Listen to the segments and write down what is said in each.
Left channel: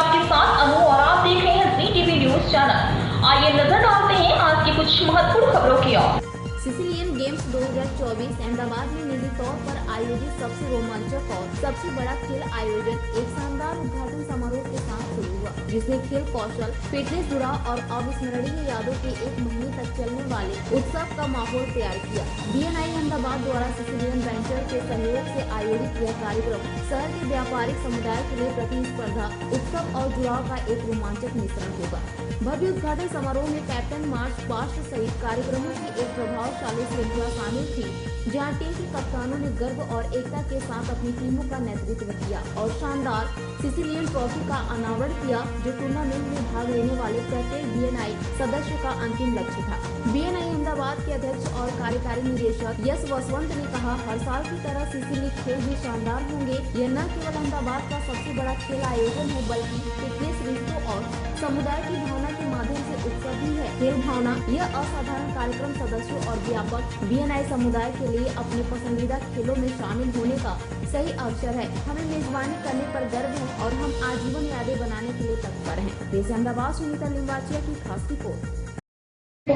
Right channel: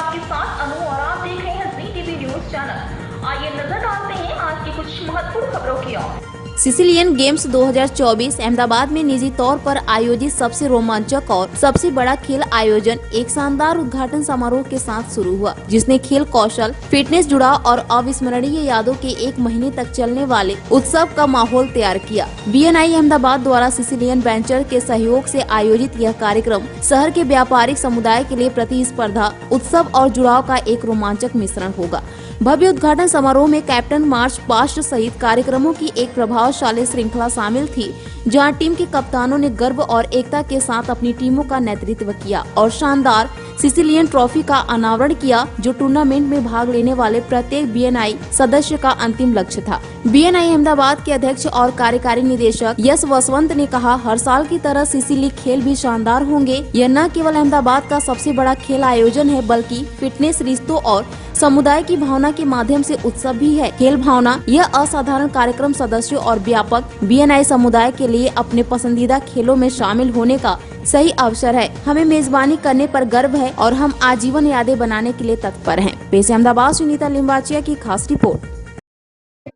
आपके साथ अनु और आप देख रहे हैं जी टीवी न्यूज चैनल। आइए नजर डालते हैं आज की कुछ महत्वपूर्ण खबरों की ओर। सिसिलियन गेम्स 2024 अहमदाबाद में निजी तौर पर आयोजित सबसे रोमांचक और सबसे बड़ा खेल आयोजन एक शानदार उद्घाटन समारोह के साथ शुरू हुआ, जिसने खेल कौशल, फिटनेस, जुड़ाव और अविस्मरणीय यादों के एक महीने तक चलने वाले उत्सव का माहौल तैयार किया। BNI अहमदाबाद द्वारा सिसिलियन वेंचर के सहयोग से आयोजित यह कार्यक्रम शहर के व्यापारिक समुदाय के लिए प्रतिस्पर्धा, उत्सव और जुड़ाव का एक रोमांचक मिश्रण होगा। भव्य उद्घाटन समारोह में कैप्टन मार्च पास्ट सहित कार्यक्रमों की एक प्रभावशाली श्रृंखला शामिल थी, जहां टीम के कप्तानों ने गर्व और एकता के साथ अपनी टीमों का नेतृत्व किया और शानदार सिसिलियन ट्रॉफी का अनावरण किया, जो टूर्नामेंट में भाग लेने वाले प्रत्येक BNI सदस्य का अंतिम लक्ष्य था। BNI अहमदाबाद के अध्यक्ष और कार्यकारी निदेशक यश वसवंत ने कहा, हर साल की तरह सिसिली खेल भी शानदार होंगे। यह न केवल अहमदाबाद का सबसे बड़ा खेल आयोजन है, बल्कि फिटनेस, रिश्तों और समुदाय की भावना के माध्यम से उत्सव भी है। खेल भावना यह असाधारण कार्यक्रम सदस्यों और व्यापक BNI समुदाय के लिए अपने पसंदीदा खेलों में शामिल होने का सही अवसर है। हमें मेजबानी करने पर गर्व है और हम आजीवन यादें बनाने के लिए तत्पर हैं। पेश अहमदाबाद से नीता लिंबाचिया की खास रिपोर्ट।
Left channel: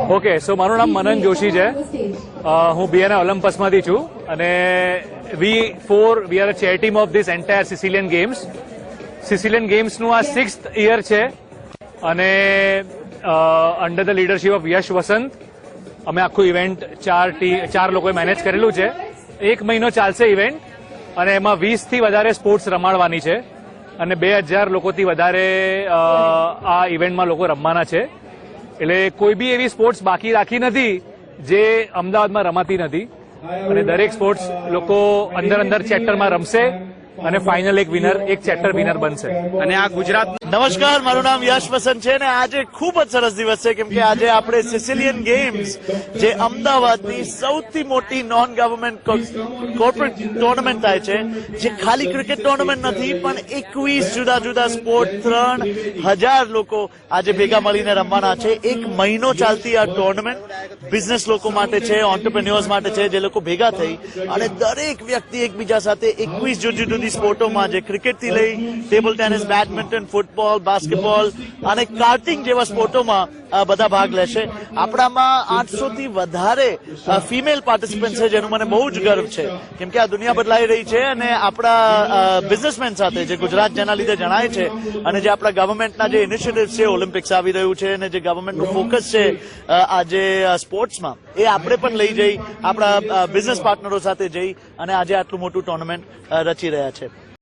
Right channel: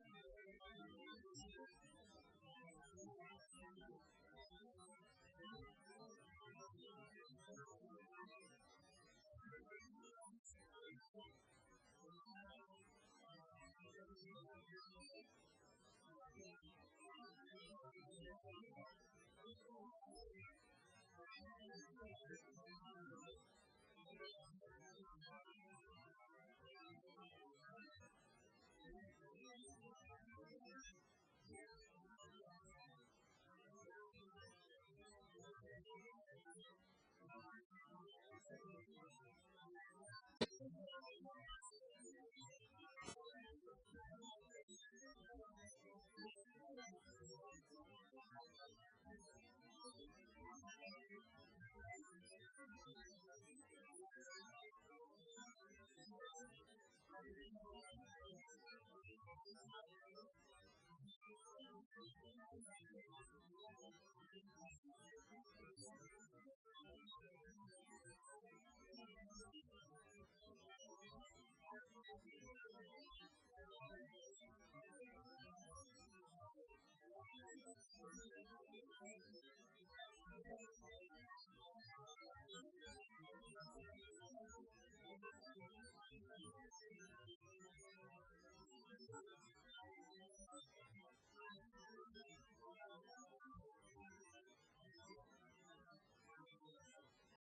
ओके, सो મારું નામ મનન જોશી છે। હું BNI ઓલિમ્પસમાંથી છું અને we are a chair team of this entire Sicilian games. સિસિલિયન ગેમ્સનું આ 6th યર છે અને under the leadership of Yash Vasant અમે આખું ઇવેન્ટ ચાર લોકોએ મેનેજ કરેલું છે। 1 મહિનો ચાલશે ઇવેન્ટ અને એમાં 20 થી વધારે સ્પોર્ટ્સ રમાડવાની છે અને 2000 લોકોથી વધારે આ ઇવેન્ટમાં લોકો રમવાના છે। એટલે કોઈ બી એવી સ્પોર્ટ્સ બાકી રાખી નથી જે અમદાવાદમાં રમાતી નથી અને દરેક સ્પોર્ટ્સ લોકો અંદર ચેપ્ટરમાં રમશે અને ફાઇનલ એક ચેપ્ટર વિનર બનશે। અને આ ગુજરાત નમસ્કાર, મારું નામ યશ વસંત છે અને આજે ખૂબ જ સરસ દિવસ છે, કેમ કે આજે આપણે સિસિલિયન ગેમ્સ જે અમદાવાદની સૌથી મોટી નોન ગવર્મેન્ટ કોર્પોરેટ ટુર્નામેન્ટ થાય છે, જે ખાલી ક્રિકેટ ટુર્નામેન્ટ નથી પણ 21 જુદા જુદા સ્પોર્ટ 3000 લોકો આજે ભેગા મળીને રમવાના છે। 1 મહિનો ચાલતી આ ટુર્નામેન્ટ બિઝનેસ લોકો માટે છે, ઓન્ટરપ્રેન્યોર્સ માટે છે, જે લોકો ભેગા થઈ અને દરેક વ્યક્તિ એકબીજા સાથે 21 જુદી જુદી સ્પોર્ટોમાં, જે ક્રિકેટથી લઈ table tennis, badminton, football, basketball અને કાર્ટિંગ જેવા સ્પોર્ટોમાં બધા ભાગ લેશે। આપણામાં 800 થી વધારે ફિમેલ પાર્ટિસિપન્ટ છે, જેનું મને બહુ જ ગર્વ છે, કેમ કે આ દુનિયા બદલાઈ રહી છે અને આપણા બિઝનેસમેન સાથે જે ગુજરાત જેના લીધે જણાય છે અને જે આપણા ગવર્મેન્ટના જે ઇનિશિયેટિવ છે, ઓલિમ્પિક્સ આવી રહ્યું છે અને જે ગવર્મેન્ટનું ફોકસ છે આજે સ્પોર્ટ્સમાં, એ આપણે પણ લઈ જઈ આપણા બિઝનેસ પાર્ટનરો સાથે જઈ અને આજે આટલું મોટું ટુર્નામેન્ટ રચી રહ્યા છે।